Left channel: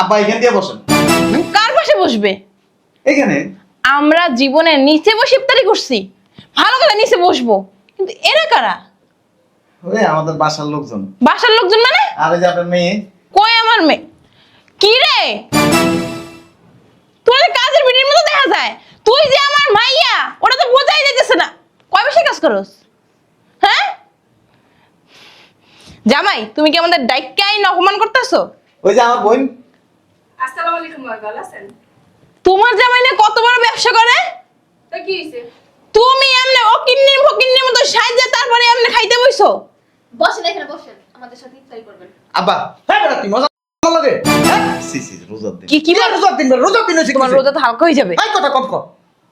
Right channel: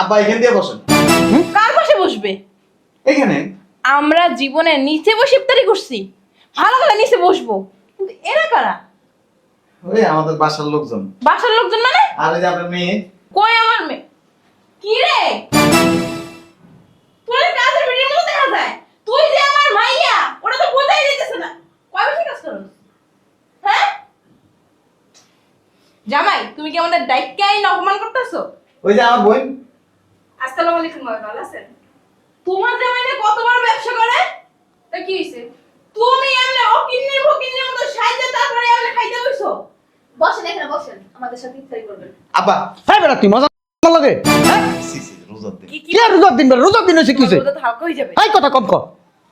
আব্বা এখান দিয়ে বসেন। কার পাশে বসবে? এখানে আমরা জীবনে নিচে বসে ইফতারি করছি, ভালো করে নিচে বসবো, কিন্তু এরা কারা? ওই আমাদের বাসার লোকজন। বাসার লোকজন মানে? আর এই যে আপনার মেয়ে। কই আমার মেয়ে? কি রে, তোর কাজের ভিডিওর মতো দেখা যায়, তুই যে আমার মাইয়া ওটা তো বোঝাই যাইতেছে না। কয় বসে কাজ করস? হ্যাঁ জামাই, তুমি কি আমাদের ডাইকাই অপমান করতেছো? ওই যে আমার বোন। আসসালামু আলাইকুম ভাই, ভালো আছেন? তোমার জামাই না কত বড় ব্যবসা করে, তো কি হইছে? তুমি এমনি অকিন্নির ফকিন্নির মতো সাইজে তারপরে এমনি খাইতে বইছো। বসেন এখানে বসেন, আমাদের সাথে ইফতারি করবেন। আব্বা হ্যাঁ বেটা তুই মজা লাগে। সি সি রোজার দিন। কি কি কিলা রোজার দিন বেটা, রোজার দিন হইছে তোমার কিছে? রোজা তো হালকা হয়ে যাবে। এই কথা কম কর।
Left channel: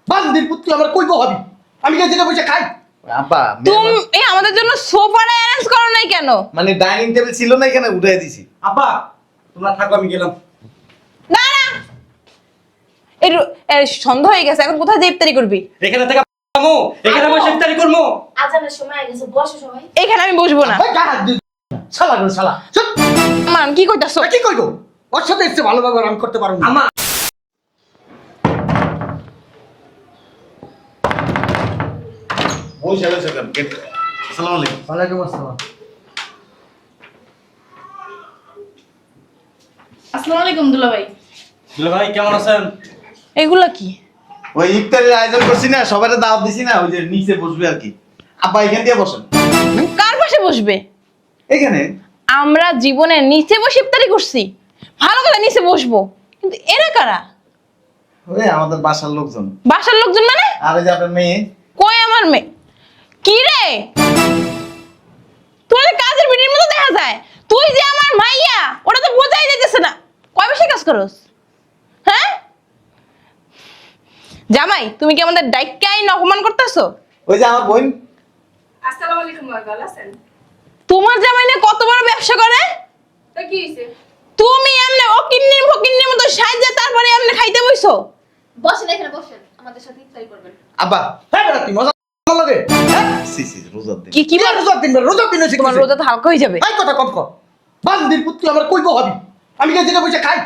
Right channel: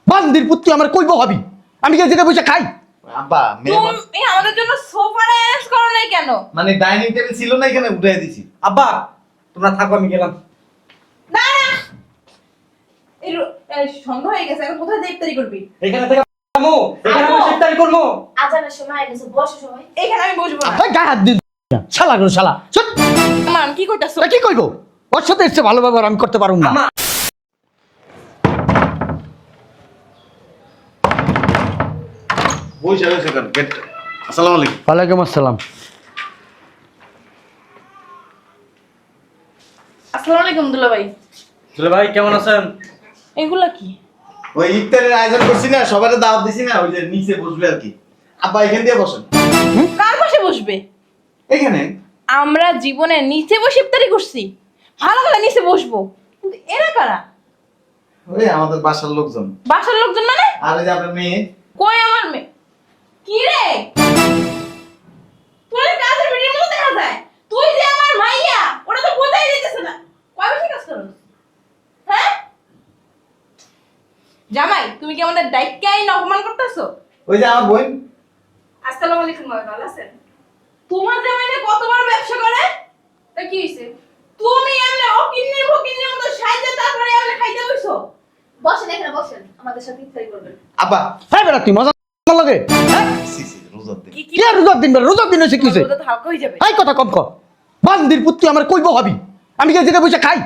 বান্দির পুত্র আমার কইবো ভাবি। আমি কি এদিকে বসে খাই? আব্বা তুমি আমাদের জন্য সোফাটা অ্যারেঞ্জ করো নাই কেন? মানে ডাইনিং টেবিল ছিল না, এখানে উঠাই দিছি। আব্বা তোমরা থাকো, আমি গেলাম। না না, এই সন্ধ্যা হয়ে গেছে, এখন কোথায় যে ইফতারি করবি? এখানে থেকে আমু, এখানে বসে ইফতারি করবো। আজানের সময় গেছে, বসো সবাই। এখানে আমি বসবো না। ভাই গায়ে হাত দিস না। শালা গো শালা। চুপ। মান কি কইতাছো? কি কইবো? ওর সাথে এসে ভালো ব্যবহার আমি করতে পারবো না। বসে বসে কর গেট। আসসালামু আলাইকুম। ওয়ালাইকুম আসসালাম। আসসালামু আলাইকুম দুলা ভাই। দুলা ভাই কেমন আছেন? এগুলো কি? ওই ইফতারের আয়োজন করছি না, সবাইকে দাওয়াত দিছি না, ওই যে নিচে বসবে আর কি। আব্বা এখান দিয়ে বসেন। কার পাশে বসবে? এখানে আমরা জীবনে নিচে বসে ইফতারি করছি, ভালো করে নিচে বসবো, কিন্তু এরা কারা? ওই আমাদের বাসার লোকজন। বাসার লোকজন মানে? আর এই যে আপনার মেয়ে। কই আমার মেয়ে? কি রে, তোর কাজের ভিডিওর মতো দেখা যায়, তুই যে আমার মাইয়া ওটা তো বোঝাই যাইতেছে না। কয় বসে কাজ করস? হ্যাঁ জামাই, তুমি কি আমাদের ডাইকাই অপমান করতেছো? ওই যে আমার বোন। আসসালামু আলাইকুম ভাই, ভালো আছেন? তোমার জামাই না কত বড় ব্যবসা করে, তো কি হইছে? তুমি এমনি অকিন্নির ফকিন্নির মতো সাইজে তারপরে এমনি খাইতে বইছো। বসেন এখানে বসেন, আমাদের সাথে ইফতারি করবেন। আব্বা হ্যাঁ বেটা তুই মজা লাগে। সি সি রোজার দিন। কি কি কিলা রোজার দিন বেটা, রোজার দিন হইছে তোমার কিছে? রোজা তো হালকা হয়ে যাবে। এই কথা কম কর। বান্দির পুত্র আমার কইবো ভাবি। আমি কি এদিকে বসে খাই?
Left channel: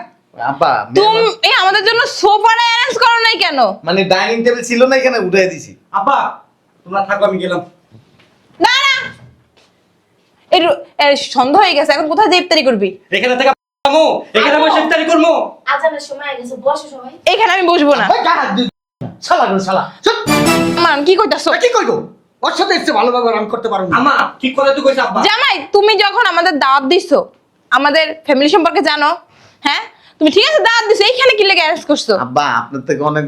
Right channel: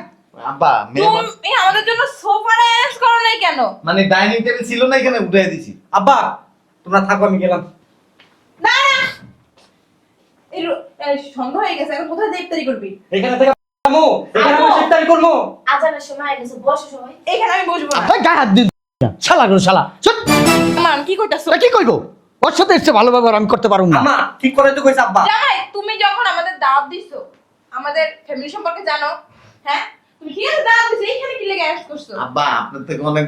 আব্বা তুমি আমাদের জন্য সোফাটা অ্যারেঞ্জ করো নাই কেন? মানে ডাইনিং টেবিল ছিল না, এখানে উঠাই দিছি। আব্বা তোমরা থাকো, আমি গেলাম। না না, এই সন্ধ্যা হয়ে গেছে, এখন কোথায় যে ইফতারি করবি? এখানে থেকে আমু, এখানে বসে ইফতারি করবো। আজানের সময় গেছে, বসো সবাই। এখানে আমি বসবো না। ভাই গায়ে হাত দিস না। শালা গো শালা। চুপ। মান কি কইতাছো? কি কইবো? ওর সাথে এসে ভালো ব্যবহার আমি করতে পারবো না। আমা ঠিক করে তুই কইছ আব্বা। জামাই, তুমি যখন আমাদের দাওয়াত দিছো, আমাদের ফ্যামিলি সম্পর্কে জানো, হ্যাঁ তুমি ঠিক আছে দাওয়াত দিছো, এইখানে কি লেগে অ্যারেঞ্জ করছো? আব্বা আপনার থেকে অনেক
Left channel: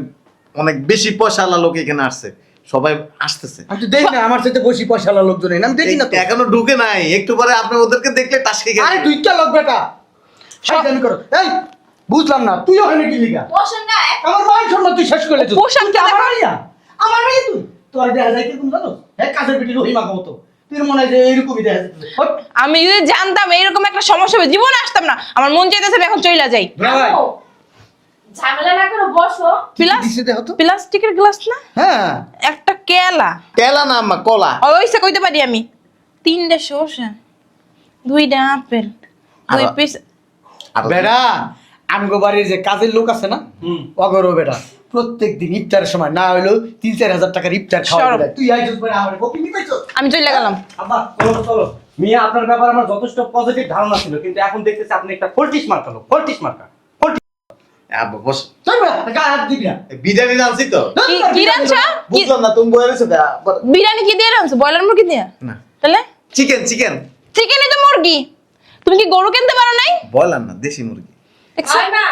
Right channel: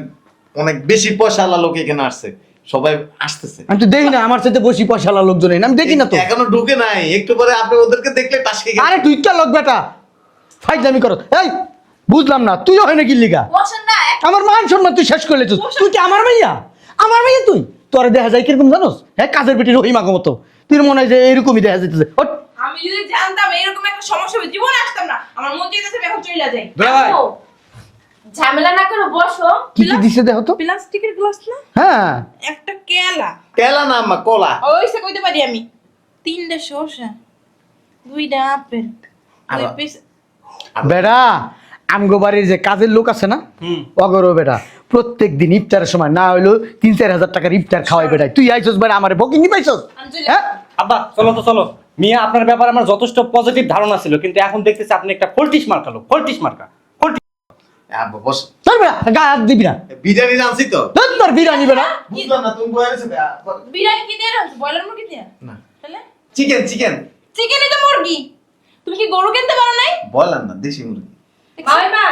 অনেক বেশি পয়সাওয়ালা লোক এখানে আসছে, সবাই আসতেছে। আমি তো দেখি না, আমার সাথে বসি পয়সাওয়ালা লোকজন এই না, আমি দেখি না তো। এখনো ঢুকে নাই, একটু পরে আপনি ওদেরকে দেখলে টাসকে গেছে। আরে তুই তো লোক বেটা। ফাইজলামি করো। এই বুঝলাম না, তুইও হয় নাকি লিগা? বসেন না। আমার মান সম্মান তুই শেষ করে তুই। তুই কি আমার মাইয়া? আমার মাইয়া তুই? তোরা দেখা যায় কিরকম জানোস? হ্যাঁ কাজের বেটি রহিমাকে মতো। তুই মনে হয় যে এরকমই দেখা যেতেছে। আমি যদি জানতাম এরকম একটা সমস্যা হবে, জীবনে আসতাম না। আমার মন চাইতেছে আমি এখন চইলা যাই। ভাই আম্মু, ঝামেলা না করে বসো। কি কি দিছে দেখো তো? প্লাস্টিকের গ্লাস না, হ্যাঁ একটা কেলা, কেলা না আম্মা, কলা। ওইসে কইতে পারি আমি, 3টা শসা, 2টা আপেল, 2 পিস। বেড়া আমগো বাড়ির যে কাজের লোক আছে না, অগরো বেটা প্রত্যেক দিন ইফতারের সময় না হইলো 3-4 হাজার টাকার ইফতার খাওয়াই বেটা। তুই আইছস বেটা আমারে বকি নি পাইছস? আমি চলে গেলাম। আব্বা চলো তো চলো। মিয়া আপনার ব্যাপারে আমার যথেষ্ট পজিটিভ ধারণা ছিল, কিন্তু এখন দেখতেছি আপনি একটা ফল্টিস মার্কা লোক। ফল্টিস মার্কা আব্বা বস। তোর বেটা গায়ে হাত দিবি না। বিরিয়ানি রাঁধছি তো। তোর বিরিয়ানি বেটা। বুঝলাম না তুমি বয়ে গেছো। বিরিয়ানি কি দিয়ে রাখছো? ব্রয়লার মুরগি দিয়ে? না তাহলে চিকেন চিকেন। চিকেনই তো মুরগি। তুমি কি গরু কিনতে পারো নাই? বললাম না দেশি মুরগি। হয় না,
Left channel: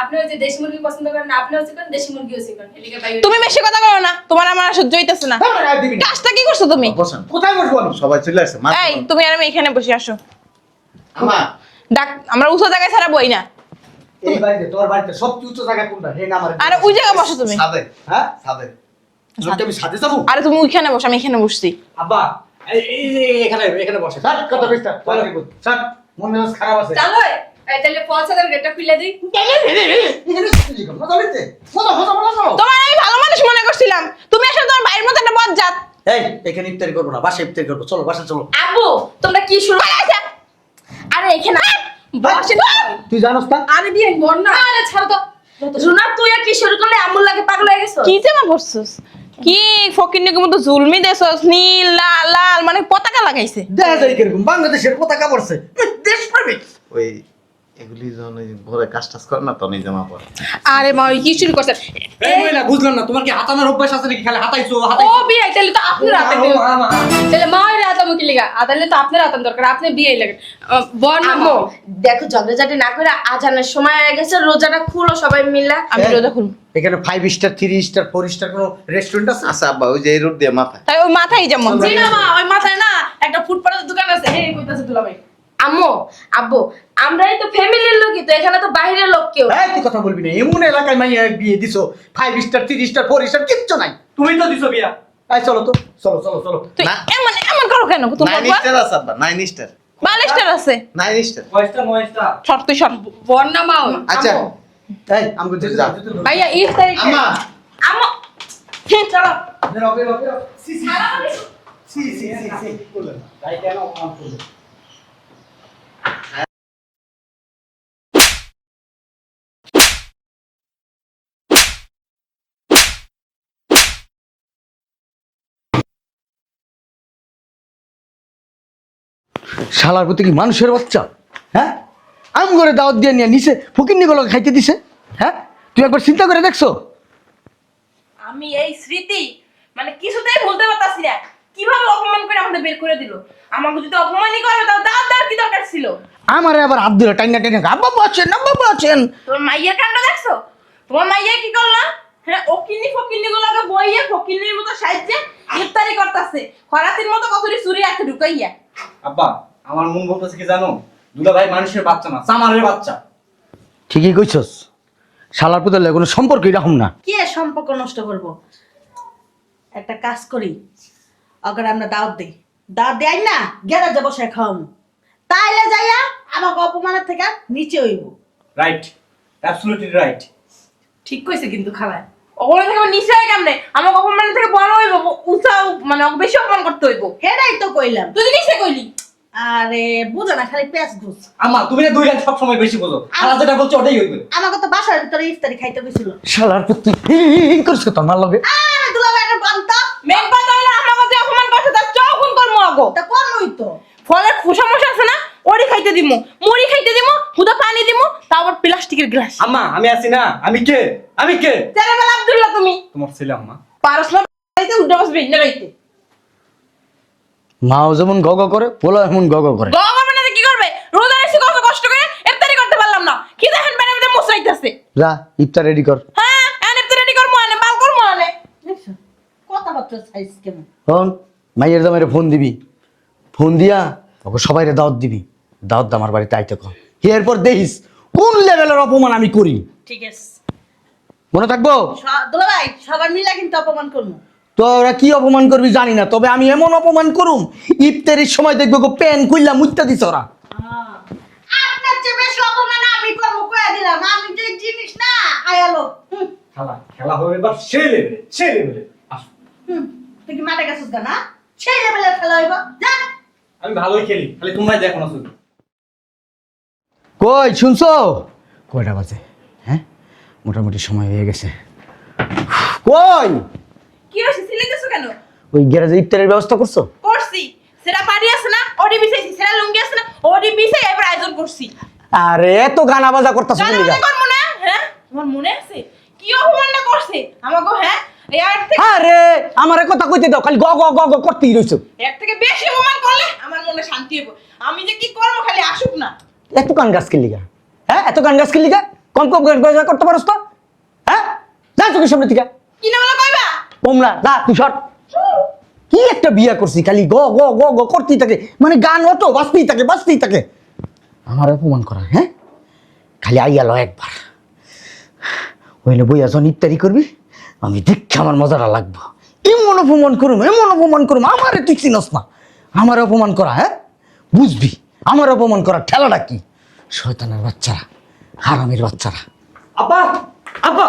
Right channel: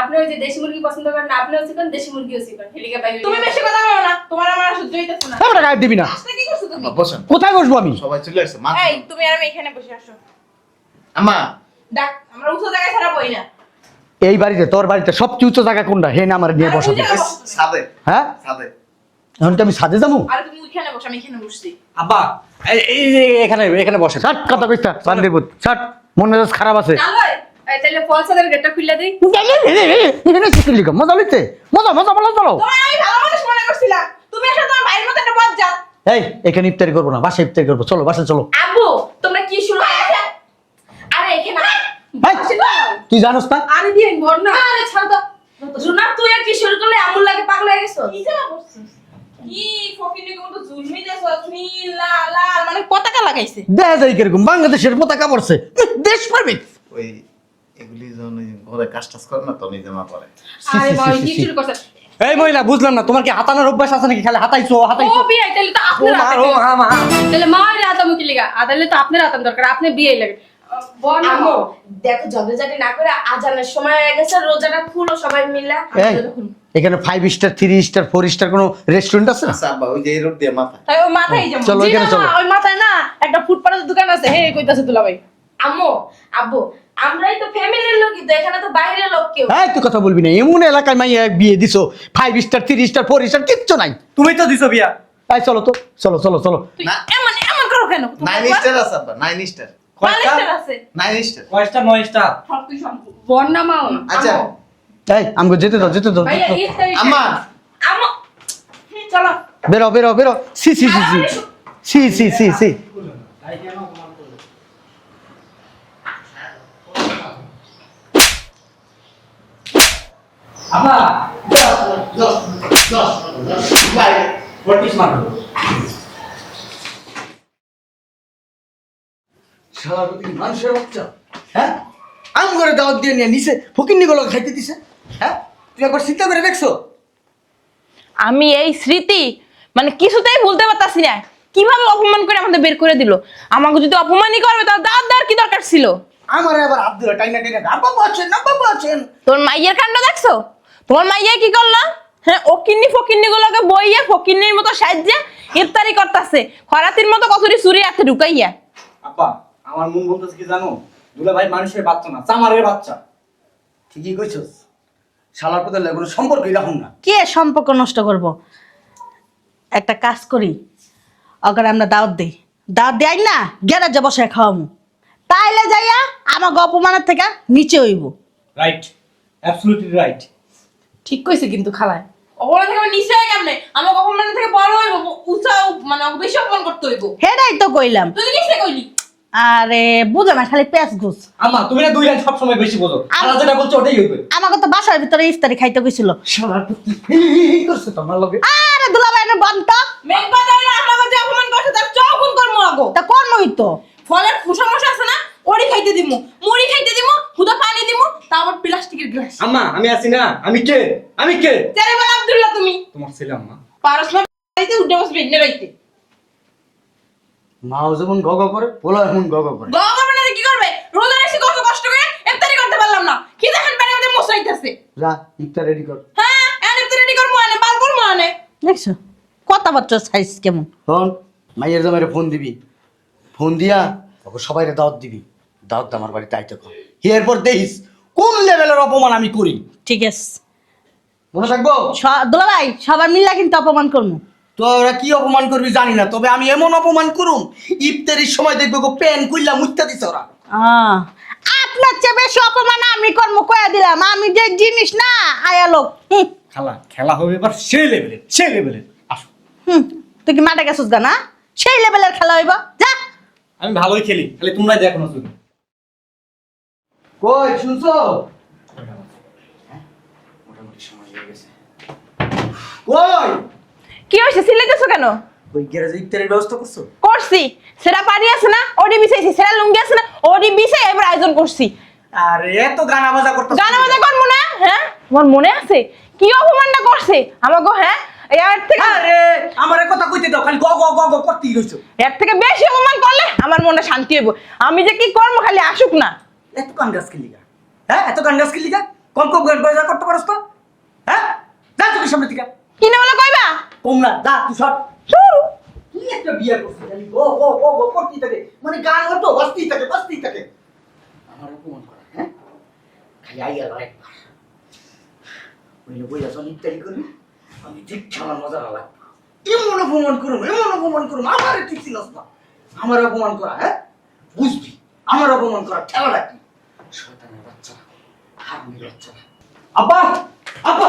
আপনি ওই যে দেশি মুরগি পছন্দ করেন না, আপনিও চিকেন, দেশি মুরগিও চিকেন। হেলিকে পাই। তুমি বেশি কথা বলো না, তোমার আমার আর সহ্য হইতাছে না। তোর বেটা গায়ে দিবি না। কাজটা কি করছো তুমি? বসেন। কোথায় বসবো আমি? সবাই চলে আসছে। মা এই তুমি আর আমি এখানে বসে আসো। আম্মা ডাক, আমরা উঁচু জায়গায় ছাড়া বই না। এই বাড়িতে তোর বাড়িতে সবচেয়ে উচ্চ জায়গা কোনটা? হে না আমার আরে ওই জায়গায় বসো তুমি। সাদে হ্যাঁ সাদে। আমি সাথে যাবো? আরে তুমি ওইখানে বসো, আমি এখানে বসছি। আব্বা এই যে এখানে এখানে বসে। ছাট কথা কইতা বান্দিপুত ছাট। মন মেজাজ খারাপ আছে। চলো তাহলে ফলসাদের গেটটা খুলে দিই। এখানে কি লিখা? মজা লিখতে মজা মজা মজা চলো। তোমার আমি ভালো মানুষ মনে করছিলাম, তুমি আসলে তোমার ভাইয়ের মতো একটা বজ্জাত। এই এখানে ইফতারি করবো না, বাসায় ইফতারি করবো। চলো বাসায় চলো। আব্বু, তোমরা কি শুরু? আরে এখানে বসে না। তুই জানোস না? আরে বিয়ে বর না। আরে ছাড় তো। রুনা তুই আর কি শুরু করলে এমন লাগে পাগল হয়ে গেছো? কি জামা পরছস? কি ফকিন্নির মতো জুলমি দেছস, নীল লাল লাল মানে পতাকা লাগাইছে। দেখা যায় কিরকম বাংলাদেশের পতাকা পড়ছে দেশ পারবে। ওই এগুলি যখন ওই ঘরে কাজ টাজ করে না তখন এই জামা পরে। আরে ভাই কি শুরু করছ? এই মহিলা বুঝলাম না, তোমার কি হাতানোর অভ্যাস আছে নাকি? খালি হাতাইছো ও হাতাইছো। বিয়ে তাহলে তো আপনার হাতে ও দিও। মা, মা। তাহলে মায়ের হাতামো কি লিগা? আদালে তো আপনার হাতাম দরকার, আপনি বিয়ে লাগে। বর না আম্মু, বউ। দেখো ঝগড়াঝাটি না করে আজানের সময় হয়ে গেছে, রোজাটা খুলো সবাই মিলে। আমি হ্যাঁ। রোজা খুলব। এখানে 5 স্টার 3 স্টার 4 স্টার কোনো রেস্টুরেন্ট আছে? আচ্ছা আব্বা ওই যে এই রোড দিয়ে মাথায়। তাই ওই মাথায় যেমন চলো, জি না, চলো। ওই মাথায় না একটা ফুটপাতের দোকান আছে, হে কইতাছে দুলা ভাই। আম্মু, আব্বু, আমরাই তো ফ্যামিলির লোকই তো, এখানে তো বাইরের লোক কেউ। হ্যাঁ তুই কথা বলবি না, এমন এলাকায় মাইয়া বিয়ে দিছো 5 স্টার 3 স্টার 4 স্টার কিচ্ছু নাই। তুমি তো দিছো বিয়া। তাই চলো তো, চলো চলো চলো। তুই না। এমন এমন করো কেন? তোমার 9 স্টার আছে আব্বা, 9 স্টার। বালিশটার আছে। 9 স্টার। কয়টা 9টা? শর্ট তুই শর্ট। বর না মাও। আচ্ছা এই আমগো যেতে দাও যেতে দাও। ভাইয়া ইফতারি আম্মা আমো চলো। বেরো বেরো বেরো। সি সি সি সি সি সি সি সি। তাই কেন অপমান করলে? আপা শালার প্রতি কি মানুষের বাচ্চা? হ্যাঁ আম করে দাওয়াত দিয়ে নিয়ে নিছে ফকিন্নিগুলো খাইতে দিছে। হ্যাঁ তুই একবার চিন্তা করে দেখছো? আমি এই স্মৃতি মানে কিছুতেই ভুলতে পারতাছি না। কিভাবে অপমান করে আমাদের বের করে দিল। আমাকে যদি অপমানই করে তাহলে দাঁত দেওয়ার কি দরকার ছিল? আমার আবার হাত ধরে টাইনা টাইনা আব্বা আছেন আব্বা আছেন। তোমার মাইয়ের কান্না দেখছো? তোমার মাইয়া কি করলা? হ্যাঁ ফকিন্নি গুলোকে বইয়ে ফকিন্নির মতো সাহায্যে ইফতারি করতেছে খরাতির মতো কতরি চুরি হাতে ঢুকাইয়া। আব্বা আমার মন বলতেছে কি জানো, দুলা ভাই মানুষের বাচ্চা না, চামারের বাচ্চা। ঠিকই কইছস, শালার প্রতি কোনো সম্পর্ক এরকম না। কে সম্পর্ক নষ্ট করব? একটা কাজ করি, ওখানে আমরা দাওয়াত দিই, দাওয়াত দেয় না গ্যারেজে বসে খাওয়ামু, তাইলে যাইয়া আমার অপমানের থেকে নিচে হইব। Right, absolutely right. ঠিক কইছে কিন্তু খালায়। অপমান থেকে নিচে হয় কেমনে? আমাকে অপমান থেকে বড় হইব, উঁচা মানে ওকে বেশি অপমান করতে হইব। হেডাই তো কইলাম। তুই নিচে কইলি আরে বুঝো না, খালি পেঁচ ঘুষ। আম্মা তুমি না দুই লাইন সব সময় বেশি বোঝো, আর যেটা বলছো ওটাই হইবে। আমাকে তো বাসার ভিতরে ইফতারি খাইতে কইছিল। শালার প্রতি এই করছ তো আমার লগে। আরে দুলাভাই না বন্ধ। মেন কথা হলো আমাকে যে অপমান করছে তার চৌগুন করবো আগো। তা কর্মই তো। ফলের সমস্যা আছে না, ওরি খাইতে দিমু, মুড়ি খাইতে দিমু, হুদা পানি দিমু, তারপর প্লাস্টিকের গ্লাস। আম্মা আমি আছি না, আমি কে? আমি কে? চারিবেলা আব্দুল্লাহ তুমি তোমার ছেলে আম্মা। পারস না খাইতে উঠে বসবি না রইতে। মাও যেমন গগ করে পোলা এমন গগ করে। গভর্নমেন্ট কি করবে? রোজা রেখে কত কষ্ট করে ইফতারি করতে পারলাম না। কি দেখেন পানি মধ্যে মশাইতেছে। যা ইফতার রেডি কর। হ্যাঁ এনে তো রেডি করবো, আনে বাল করবো, আনে দেখছো কথাবার্তা সাইজ কেমন? হন মাইয়ের জামাইরে ফোন দিবি, ফোন দিয়া ওকে সবাইরে দাওয়াত দিবি, দাওয়াত দে আমার বাড়িতে আইতে কর। এরপর দেখিস কোন লেভেলের অপমান আমি করি। ঠিক আছে মনে থাকবো? দুলাভাই সবাই মিলা কিন্তু অপমান করবো। তোরা কি অপমান করবি জানি না, তবে আমি এমন অপমান করুম ইফতারির সময় দেখবো প্যান খুললা মুইতা দিছ ওরা। আপনার চেয়ে বেশি অপমান আমি করবো কয়া দিলাম। আমি যে জিনিস না আয়ালো। খালা খেলা হবে এবার সেই লেভেলে, সেই লেভেলে। আসো, তুই কি মাঠে গেছিস গা না? সেই লেভেলের খেলা হইব, যা। আমি ভালোই খেলি, খালি তোমরা দেখো না শুধু। কই শুনছো? কয়টা বাজে? হ্যাঁ মোটামুটি সময় হয়ে গেছে। কই কি হয়েছে? সিলেতেছো কেন? ওই গ্যারেজে ইফতারের ব্যবস্থা করছো? করছি। সেটা পানি আছে না, ওডি বিছাইছি। সেটা লুঙ্গি আছে না, ওডি বিছাই এবার আয়োজন করছি। আরে এত গানা বাজা করতেছো গান বাজনা করবো না? হ্যাঁ তোমার মনে আছে কি অপমানটা করছে আমাকে? হ্যাঁ এর থেকে আরে আমারে কথা কইতে দাও, খালি গ গ গ গ করতেই রইছো। এর থেকে বেশি অপমান করলে আমার মনে শান্তি হইব। আমি যে কি কর্ম খালি আসুক না। এত গান গাছ কিলিগা? হ্যাঁ এত গান গাছ কিলিগা? কম কম গান বাজা করতে পারোস তো? হ্যাঁ যা চোখের সামনে থেকে। কি না বলে কইবা? তোমরা না তুই শট। কি একটা বিয়ে করছি, খালি গ গ গ গ করতেই থাকে, মানে গান হতো বাজতেই থাকে বাজতেই থাকে। আমার অপমান করা, হ্যাঁ খালি আইয়ালো একবার হইলে বইয়া যখন ইফতারি করবি আমি দেখছি আমার মজাটা লাগবো। এমন অপমান করুম এমন অপমান করুম, আমারে তুই চিনস না। আমার অপমান করা, হ্যাঁ বুঝবি আমার অপমান করা ঠেলাটা কি। শয়তানের বাচ্চারা, হারামির বাচ্চারা। আব্বা, আব্বা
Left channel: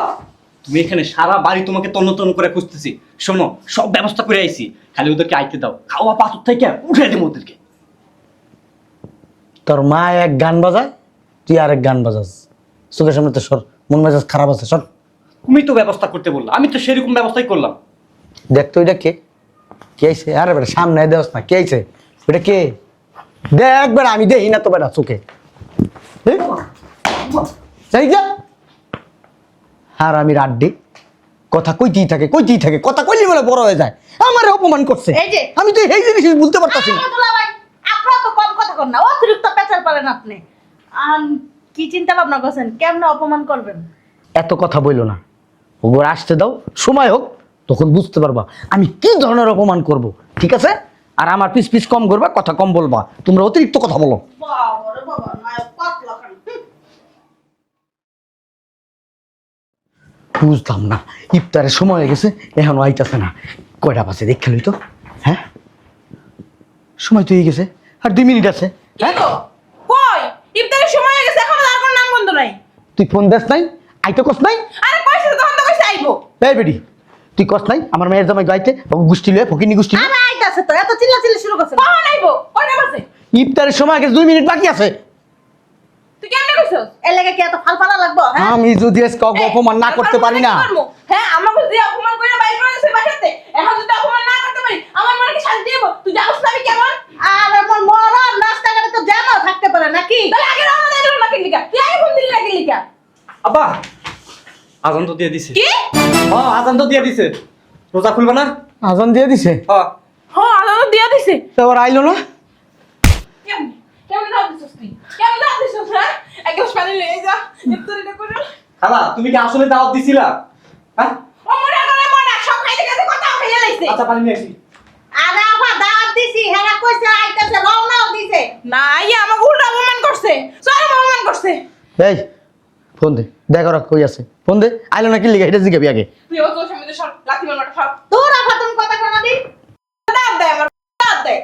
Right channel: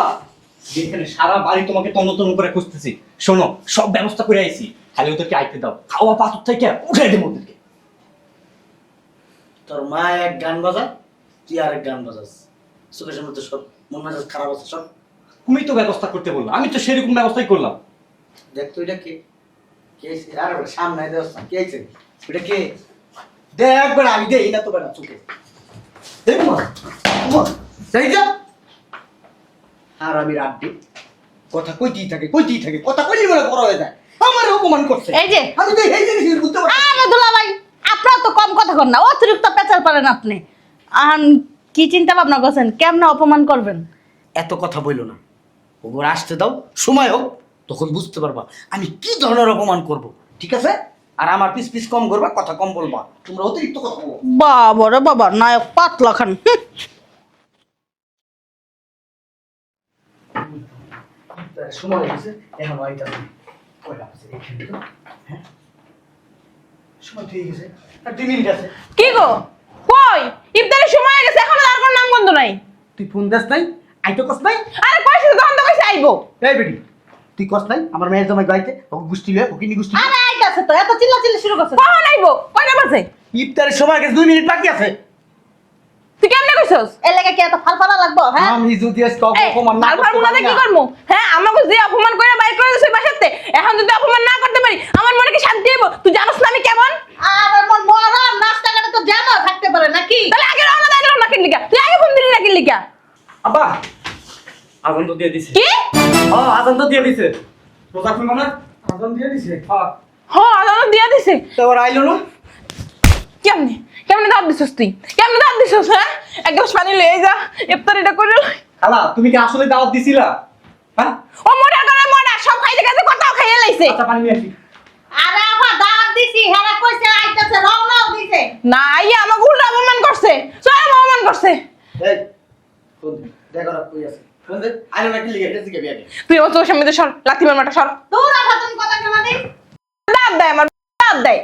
তুমি এখানে সারা বাড়ি তোমাকে তন্ন তন্ন করে খুঁজতেছি। শোনো সব ব্যবস্থা করে আইছি, খালি ওদেরকে আইতে দাও। খাওয়া পাথর থেকে উঠে দেবো ওদেরকে। তোর মা এক গান বাজায় তুই আরেক গান বাজাস, চোখের সামনে তো সর, মন মেজাজ খারাপ আছে, সর। তুমি তো ব্যবস্থা করতে বললা, আমি তো সেরকম ব্যবস্থাই করলাম। দেখ তো এটা কে, কে আইছে? আরে বেটা সামনে দেওয়াস না, কে আইছে? এটা কে? দেখ বেটা, আমি দেখি না তো বেটা চোখে। দেখ সেই যা আর আমি রাড্ডি কথা কইতেই থাকে, কইতেই থাকে, কথা কইলি বলে বড় হয়ে যায়। আমার অপমান করছে, এই যে। আমি তো এই জিনিস বুঝতে পারতাছি না। দুলা ভাই আপনারা তো কম কথা কন না, অতিরিক্ত পেঁচাল পারেন আপনি। আহান কি চিন্তা ভাবনা করছেন, কেমন অপমান করবেন? এত কথা বইলো না, ওগুলো আসতে দাও, সময় হোক তখন বুঝতে পারবা আমি কি ধরনের অপমান করব, ঠিক আছে? আর আমার পিস পিস কম করবা, কথা কম বলবা, তোমরা অতিরিক্ত কথা বলো। বাবা রে বাবা, নায়ক পাতলা খান। বুঝলাম না, ইফতারের সময় হয়ে গেছে এখনো আইতাছে না। কয়টা বাজে দেখে লই তো। হ্যাঁ, সময় তো হয়ে গেছে, আর 2 মিনিট আছে। কি গো কই ইফতারের সময় হয়ে গেছে এখনো আর কোনো নাম বন্ধ নাই। তুই ফোন দেস নাই, আইতে কস নাই? আরে কইছিস তখন তো কইছে আইবো। এই বেডি, তুই কস নাই আমার মেয়ের জামাই গাইতে গোষ্ঠী লয়ে ফকিনি গোষ্ঠী? আরে আইতাছে তো, এত চিল্লাচিল্লি শুরু করছেন। কখন আইবো? কয়টা বাজে? ইফতারের সময় হয়ে গেছে, 2 মিনিট বাকি আছে। তুই কেমনে কইছস? এর লাগা কি এত ফালফালা লাগবো? হ্যাঁ, আমি যদি আজকে অপমান না করতে পারি না, কি করমু? হ্যাঁ আমাকে যে অপমান কইরা বাইর করে দিছিস বাসাতে, এখন যদি অপমান না করতে পারি আমার মনে কি শান্তি হইব? তুই জানিস না আমি কেমন? আর আমার মরার রাস্তাঘাটে তো জ্যামও থাকতে পারে নাকি? তাহলে আগে রওনা দেয় না কিন লিগা? তুই আগে ফোন দিলি না কিন লিগা? আব্বা আজান তো দিয়ে দিছে। কি? হ্যাঁ আজান তো দিয়ে দিছে, রোজা খুলবা না? আজান দিয়ে দিছে, হ্যাঁ। হ্যাঁ আলো দিয়া দিছি। তোর আইলো না? কেমনে কেমনে দাও দিছিস তুই? কেমনে দাও দিছিস? হ্যাঁ এক গ্লাস পানি লয়ে যা, ইফতারিটা করে লই। খালা তুমি কি আসলে দাওয়াত দিছিলা? হ্যাঁ ও মরা করে মরা সব খাইতে খাইতে কথাও খাইয়ে লাইছে। আচ্ছা পানি নিয়ে আসি। আরে আবার দাঁত দিছি, হেরা কইছে আইতাছে, রওনাও দিছে। না ইয়ে আমাকে উল্টা অপমান করছে, সরি অপমান করছে। এই ফোন দে, দেখ ওরা কই আছে, ফোন দে। আইলো না কি লিখে এটা জিজ্ঞাবি আগে। তুই ও তোর সামনে সর, লাথি মারমাটা সর। তোর আফা তুমি কথা কেন দিস? দাঁত দেয় আমার, দাঁত দেয়।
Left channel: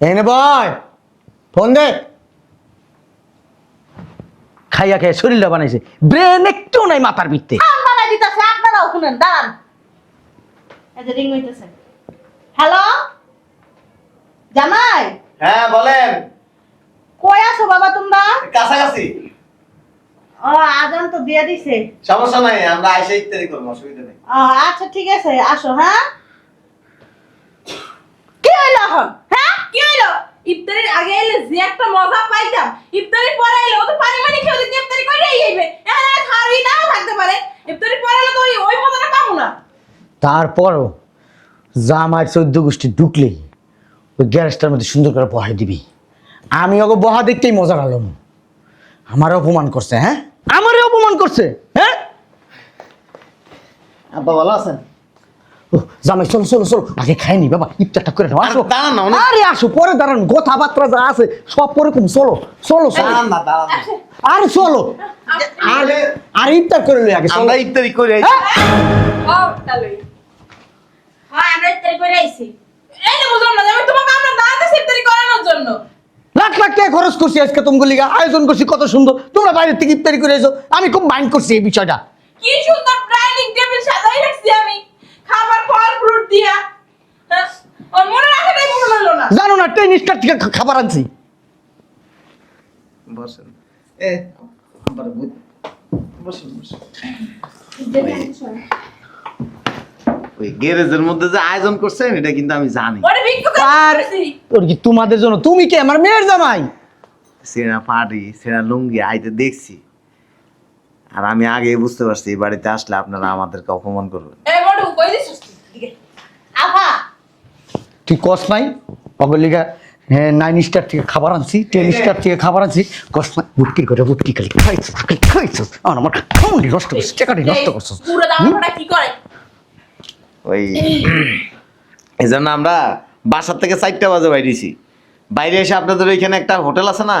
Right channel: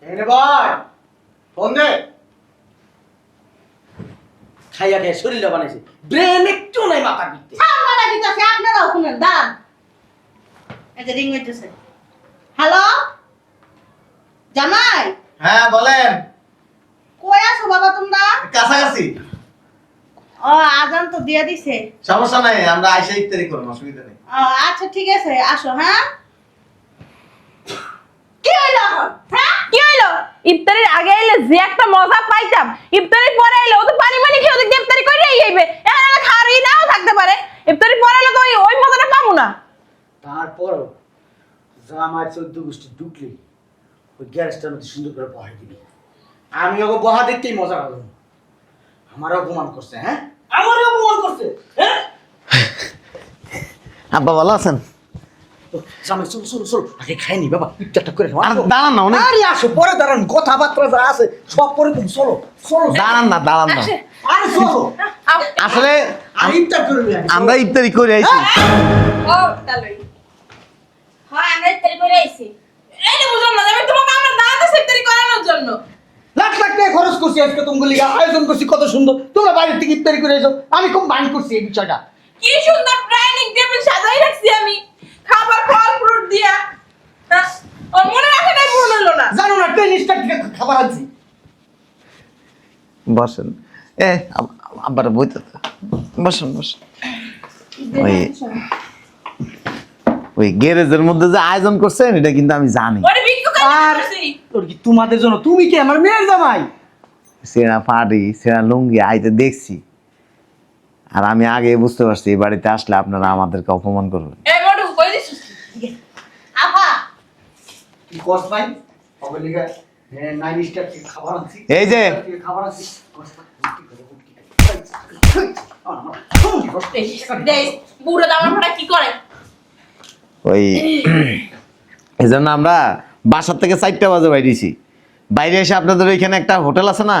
এনে বয়, ফোন দে। খাইয়া খাইয়া শরীরটা বানাইছে, ব্রেন একটু নাই মাথার ভিত্তে। আপনারা দিতাছে, আপনারাও শুনেন, দান। এই যে রিং হইতেছে। হ্যালো জামাই, হ্যাঁ বলেন। কই আছো বাবা তোমরা? কাছাকাছি। ও আজান তো দিয়ে দিছে। সমস্যা নাই, আমরা আইসা ইফতারি করবো, অসুবিধা নেই। আচ্ছা ঠিক আছে, আসো। হ্যাঁ, কি হইলো এখন? হ্যাঁ কি হইলো? ইফতারির আগে এলে যে একটা মজা পাইতাম, ইফতারির পরে এলে ও তো পানি পানি খেয়ে ওদিক দিয়ে ইফতারি করে আইবে। এখন খাওয়ারই নাও থাকতে পারে, ইফতারির পরে এলে তো ওই মজাটা পাবো না। তারপরও জামাই 14 গোষ্ঠী ঢুকলেই ওই গ্যারেজটার মধ্যে সুন্দর করে বহাই দিবি। আমি ওকে বহা দেখতেই মজা পেলাম। আমারও অপমান করছে, হ্যাঁ আমারও অপমান করছে, হ্যাঁ। আব্বা ভালো আছেন? ও, জামাই চলো চলো চলো, আগে খাইনি বাবা, ইফতারটা করে নাও। আসো দাঁড়ান না, অনেক আরে আসো, পরে দাঁড়ান, কথাবার্তা যা আছে সব পরে তুমি চলো চলো চলো। দাঁড়ান না, দাঁড়ান না। আরে চলো, আসলে আর ইফতার করে নে আগে, চলো। আমরা ইফতারি করে আইছি। ও তালই হয় আমরা ইফতারি করে আইছি। এই যে বুঝলাম না যে আমি তোমাকে আমরা দাঁত দিছি ইফতারি করানোর জন্য। লাখ লাখ টাকা খরচ করছি আজকে তোমাকে লিগা, আয়োজন করছি কত সুন্দর, তোমরা বাইরে থেকে ইফতারি করে এসো। আমি খুব মাইন্ড করছি এই বিষয়টা। কি সুন্দর ডাইনিং টেবিল সাজাই রাখছি আমি, খাবার ফল ফ্রুট দিয়া। হ্যাঁ, ও মনে রাখাটাই পূর্ণ হলো না। জানো না ট্রেন স্টার থেকে খাবার আনছি। বসেন। আব্বার বইতে বসেন বসেন। ওই গ্যারেজের মধ্যে যে আয়োজন করছেন এটা কিন্তু আমি জানি। ওরে ভিক্ষু আর করছি। ওর কি তোমাদের জন্য? তুমি কি আমার মেয়ের জামাই? সেনা পাড়ি সেনা লুঙ্গি আইতে দেখছি, আর আমি আগে বুঝতে পারছি এই বাড়িতে আসলে আপনারা আমাদেরকে অপমান করবেন। এই বড়ু কই দিছিস তুই? আফা তুই কস নাই ওকে লিগা? হ্যাঁ, 9 স্টার থেকে খাবার আনছি, এই 10 যে- স্টার থেকে খাবার আনছি। কস না, বুটকি করে বুটকি খালি খাইছো খাইছো। আমার সময় নষ্ট করছিস, টাকাটি নষ্ট করছিস। পুরো জামা পড়া কি করে? ওই এই জন্য আমরা বাসার থেকে 4টা বাজে বাইরেছি। বাইরে এসে আপনাদের ওইখানে একটা হোটেল আছে না,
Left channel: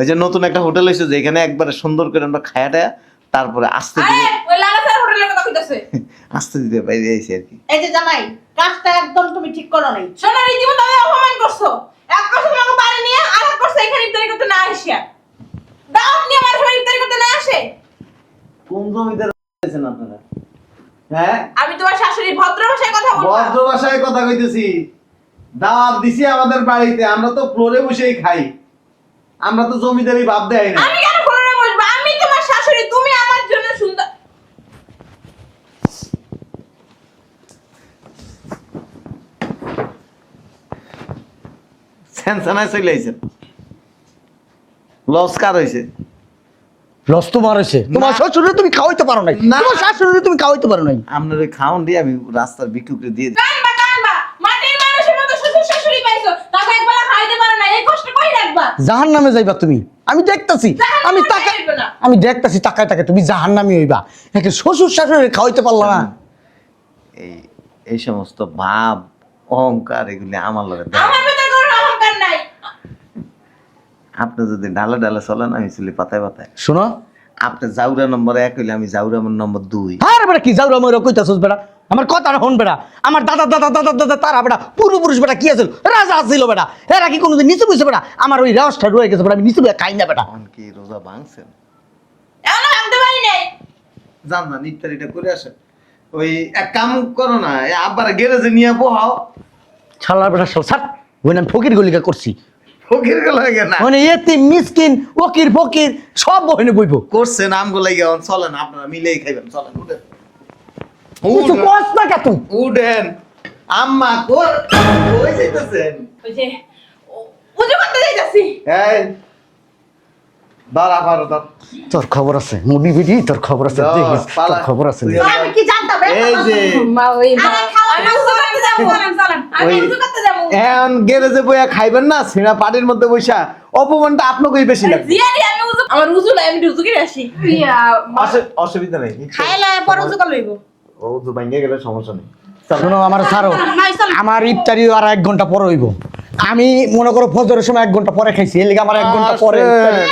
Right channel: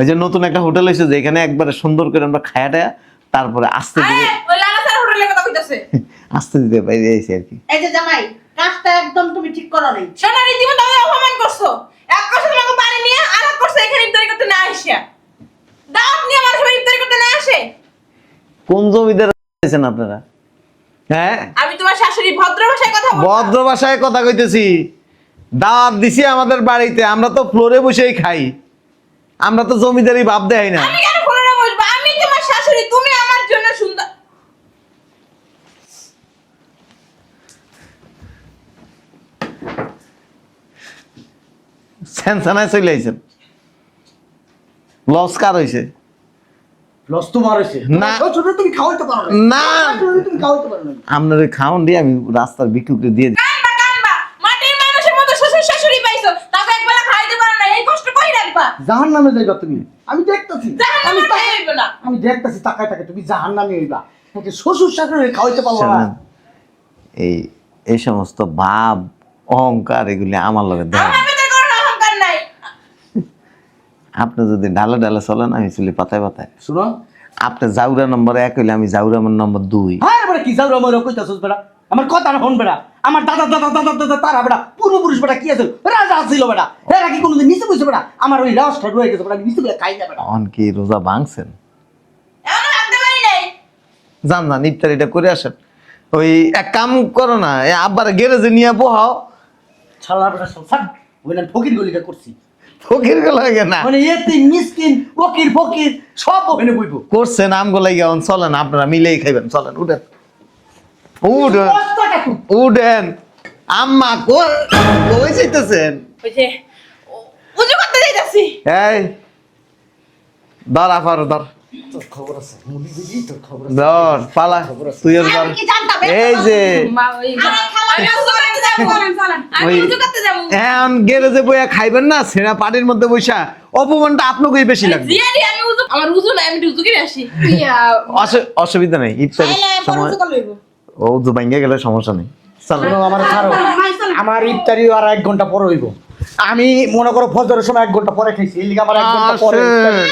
এই যে নতুন একটা হোটেল হয়েছে, যেখানে একবারে সুন্দর করে আমরা খায়াটা তারপরে আস্তে আরে দিতে ওই লাগাতার হোটেলের কথা কইতাছে। আস্তে দিতে বাইরে এসে আর কি। এই যে জামাই, কাজটা একদম তুমি ঠিক করো নাই। শোনো রীতিমতো আমি অপমান করছো। এক করছো তোমাকে বাড়ি নিয়ে, আর এক করছো এখানে ইফতারি করতে না আসিয়া। দাওয়াত নিয়ে মানুষ ইফতারি করতে না আসে। কোন জমিদার আছেন আপনারা? হ্যাঁ, আমি তোমার শাশুড়ি ভদ্র ভাষায় কথা বলবো। ভদ্র ভাষায় কথা কইতেছি। দাওয়াত দিছি আমাদের বাড়িতে, আমরা তো ফ্লোরে বসেই খাই। আমরা তো জমিদারি ভাব দেয় না। আমি কেন কোলে বসবো? আমি তোমার শাশুড়ি, তুমি আমার জন্য সুন্দর। সেনসানায় চলে আইছেন। লস কার হইছে? লস তোমার হয়েছে, তোমার না। শ্বশুরে তুমি খাওয়াইতে পারো না, না। তোমার শাশুড়ি তুমি খাওয়াইতে পারো নাই। আপনার ওই খাওয়ান দিয়ে আমি রাস্তার বিক্রি দিয়ে দিই। কানবা কানবা, মাটির মানুষের মতো শ্বশুর শাশুড়ি পাইছো, তাও একবেলা খাইতে পারো না, এই কষ্ট কই রাখবা? জাহান নামে যাইবা তুমি, আমি দেখতাছি, আমি জাহান্নামে তাকাই যাইবো না। আমি দেখতাছি তাকায় তাকে তুমি জাহান নামে হইবা। একে শ্বশুর শাশুড়ি খাওয়াইতে পারলো না। এই সমস্ত ভাব অহংকার এগুলি আমার লগে দেয়। আমার ভিতরে কোনো অহংকার নাই। আপনি যদি ডালে ডালে চলেন আমি চলি পাতায় পাতায়। শোনো, আপনি জাউরা নম্বর 1 হইলে আমি জাউরা নম্বর 2। আরে বেটা কি যাও আমার কইতাছস বেটা, আমার কথা না হন বেটা। আমার দাদা দাদা দাদা দাদা তারা বেটা পূর্বপুরুষ বেটা কি আছে, রাজা ছিল বেটা, এরা কি কোনোদিন নিচে বসে বেটা? আমার ওই রাজটা রয়ে গেছে বেটা, আমি নিচে বসে খাই না বেটা। অন কি রোজা ভাঙছেন? এখনো ভাঙতে পারি নাই। যান না ইফতারিটা করে আসেন। ওই এক কাম করো না, এই আব্বার গ্যারেজে নিয়ে বহাও। ছাড়া বেটা সব ছাড়, ওই না ফকির গলিকা করছি। ফকির গুলো লাগে না মানে এতিম মিসকিন ওকির ফকির সব ওখানে বইবো। করছেন আমগুলো গেন, চলেন আপনারা মিলেই খাইবেন, চলেন উঠেন কিছু কষ্ট না কা তুই? উঠেন। আম্মা কই যাইতেছেন? ওই যে উজু করতে যাইতাছি। এই ধর আপারো ধর তোর খবর আছে মুডি বিডি, তোর খবর আছে, ধর, দেখিস, পালা। তোর খবর আছে। তুই আর আমি কি জানতাম এই যে মা ওই মা আমি উজু করতে যাবো। আমি ওই- উজু করতে যাবো। এখন গ্যারেজে বইয়া খাইবেন না, ছেঁড়া পানির মধ্যে বইসা অপমানটা আপনাকেই বেশি লাগবে। জিয়ারি আমি উজু, আমার উজু নাই, আমি উজু করে আসি। ইয়া, অসুবিধা নেই, ইফতারি খাইলে পরে উজু করলে হইব। ও উজু ভাঙ্গে গেলে সমস্যা নেই। চলো। শোনো আমার ছাড়ো, আমার ইফতারি আর 1 ঘন্টা পরে হইব। আমি মনে করো ফজরের সময় 1 ঘন্টা পরে খাইছি, এর লিগে আমার 1 ঘন্টা পরে ইফতারি।